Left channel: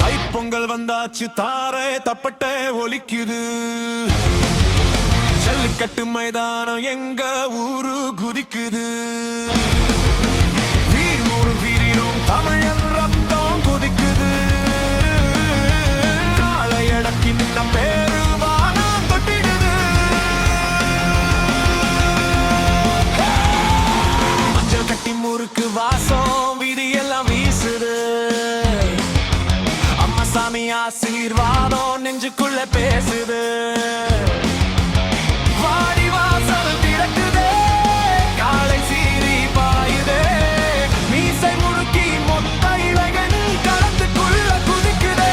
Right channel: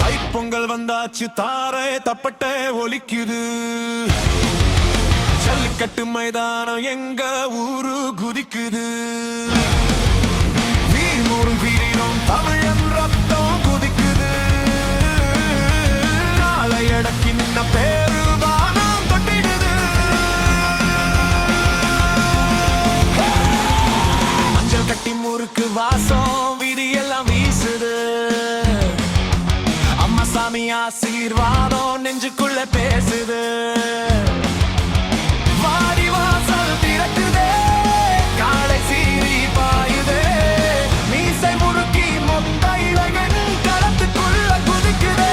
தைப்பொங்கல் வந்தாச்சு, தாரை தப்பட்டை ஒலிக்குது. ஜல்லிக்கட்டு மைதானம் எங்க ஊரு குதிக்குது. வீரமோடும் வீரினும் தமிழன் ரத்தம் குதிக்குது. காலை அடக்கி நின்ன பேரு வானம் தொட்டிடுது. மஞ்சள் கட்டி முறுக்கு வாசம் வீதியெல்லாம் வீசுது. சாமி ஆசீர்வாதம் நெஞ்சுக்குள்ள பேசுது. வாடி வாசல் திறக்குதே, காலை சீறி பாயுதே. மீசை முறுக்கி மொத்த இளைஞன் களத்துக்குள்ள குதிக்குதே.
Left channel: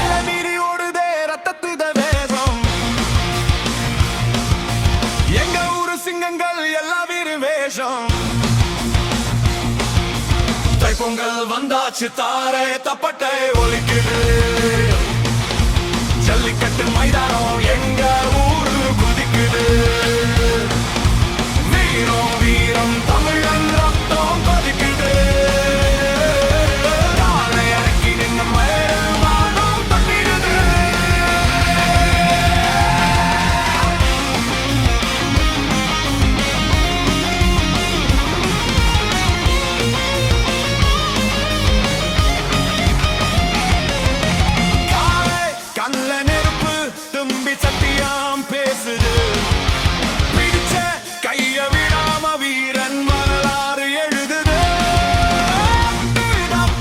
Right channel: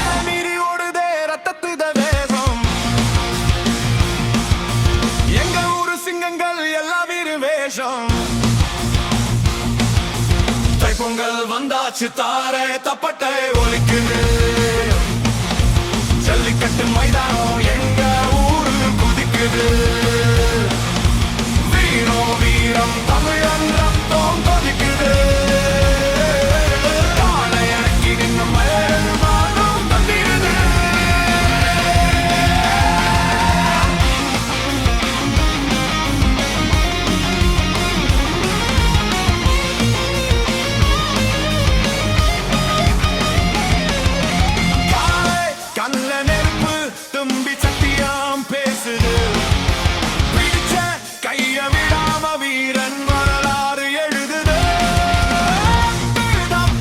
எல்லை மீறி ஓடுதே ரத்தத்துத வேகம். எங்க ஊரு சிங்கங்கள் எல்லா வீரு வேஷம். தைப்பொங்கல் வந்தாச்சு, தாரை தப்பட்டை ஒலிக்குது. ஜல்லிக்கட்டு மைதானம் எங்க ஊரு குதிக்குது. வீரம் வீரம் தமிழன் ரத்தம் கொதிக்குது. காலை அடக்கி நின்ன மேல் வானம் தட்டிடுது. கல்ல நெருப்பு தும்பி சத்தியம் பேசுது. பிடிச்ச கைய விடாம வீரன் வரலாறு எழுதுது.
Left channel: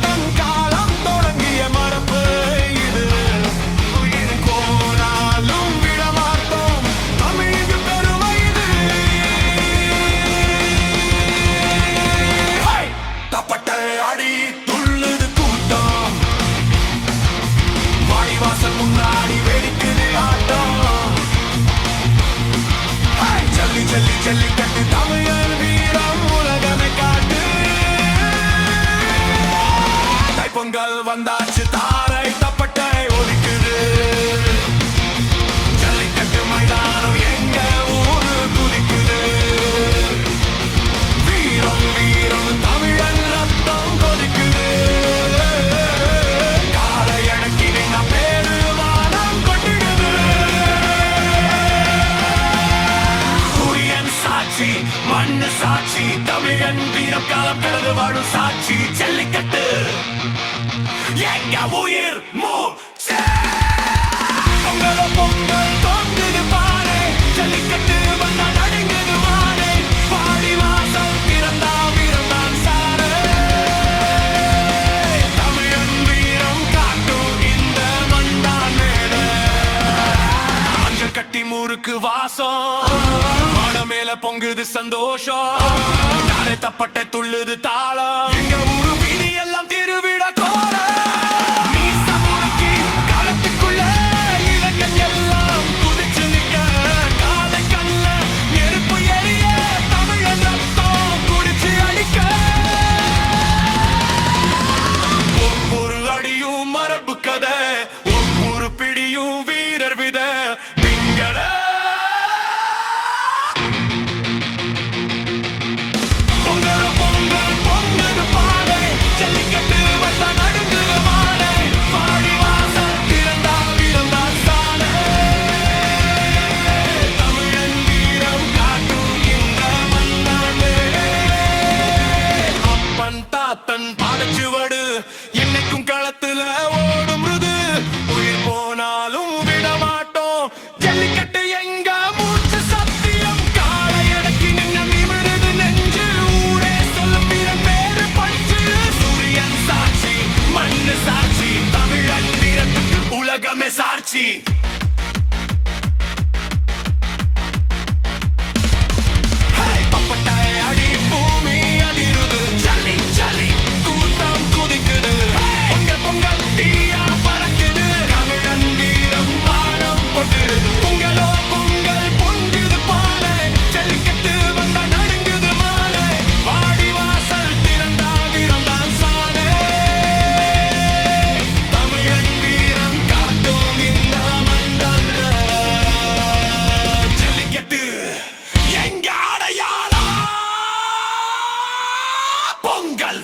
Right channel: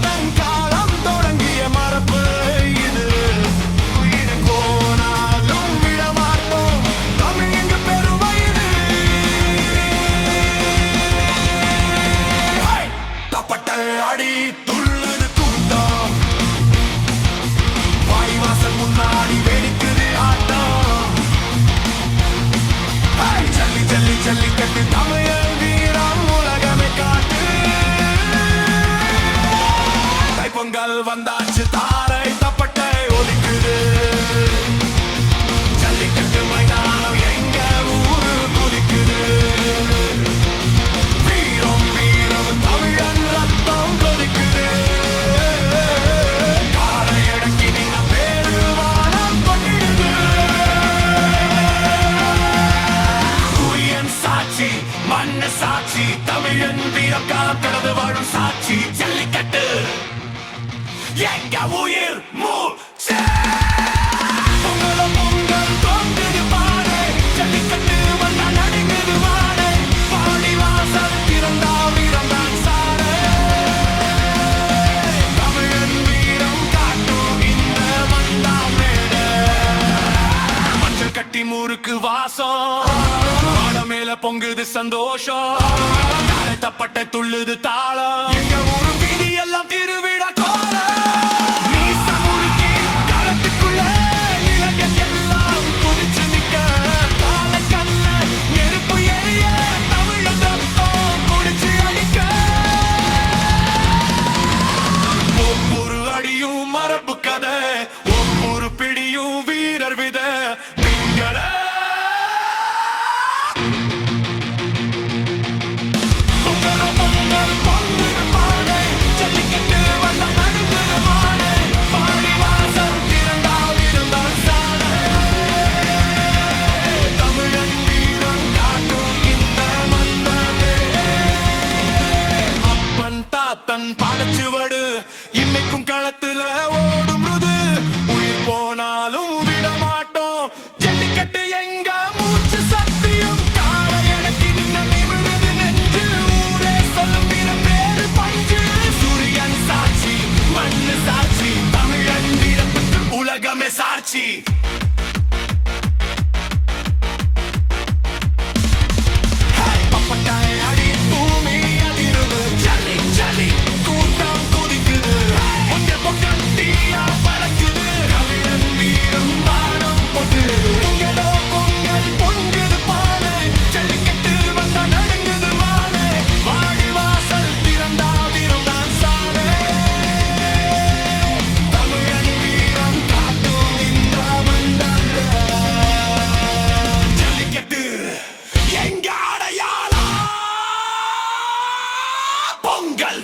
தன் காலம் தொடங்கிய மரபு இது. உயிர் போனாலும் விடமாட்டோம் தமிழுக்கு பெருமை இது. தப்பட்ட அடி துள்ளுது கூட்டம். வாசல் முன்னாடி வெடிக்குது ஆட்டம். ஜல்லி ஜல்லி ஜல்லிக்கட்டு தமிழ் வீரம் உலகமே காட்டு. தைப்பொங்கல் வந்தாச்சு, தாரை தப்பட்டை ஒலிக்குது. ஜல்லிக்கட்டு மைதானம் எங்க ஊரு குதிக்குது. வீரம் வீரம் தமிழன் ரத்தம் கொதிக்குது. மண்ணு சாட்சி, தமிழன் வீரம் காலம் கடந்து வாழும் சாட்சி. ஜல்லிக்கட்டு எங்க உயிர் மூச்சு. பொங்கலோ பொங்கல் தொங்குது பானை. ஜல்லிக்கட்டு வந்தா நடுங்குது மானை. பாடி வாசல் திறந்தா வீரம் தான் சானை. தமிழன் வீரம் காட்டும் இந்த மந்தான் மேட. மஞ்சள் கட்டி முறுக்கு வாசம் மேல பொங்குது சந்தோஷம். தாரை தப்பட்டை துள்ளுது தாளம். எங்க ஊரு வீதி எல்லாம் திருவிழா கோலம். மீச முறுக்கி களத்துக்குள்ள இளைஞன் எல்லாம் குதிச்சு நிக்க. காலை கண்ண நெருப்பு எரிய தமிழன் ரத்தம் குடிச்சு அடிக்க. ஒவ்வொரு அடியும் மரபு கதை, ஒவ்வொரு பிடியும் வீரர் வித. பிங்கள பொங்கலோ பொங்கல் பொங்குது பானை. ஜல்லிக்கட்டு வந்தா நடுங்குது மானை. பாடி வாசல் திறந்தா வீரம் தான் சானை. தமிழன் வீரம் காட்டும் இந்த மண்ணானே. அப்பன் தாத்தன் பாதச்சுவடு இன்னைக்கும் களத்துல ஓடும் ருது. உயிர் போனாலும் விடமாட்டோம் ஜல்லிக்கட்டு எங்க மூச்சு சத்தியம். காலை அடக்கி நின்ன மிமிருது நெஞ்சு. மண்ணு சாட்சி, தமிழன் வீரத்துக்கு உலகமே சாட்சி. பப்பட்டாய அடி பூமி அதிருது. ஜல்லி ஜல்லி கூட்டம் குதிக்குது. பொங்கல் பொங்கல் தீயா பறக்குது. தமிழன் வீரம் வானம் கொட்டிருது. பொங்கலோ பொங்கல் பொங்குது பானை. ஜல்லிக்கட்டு வந்தா நடுங்குது மானை. வாடி வாசல் திறந்தா வீரம் தான் சானை. தமிழன் வீரம் காட்டும் இந்த பொங்கல்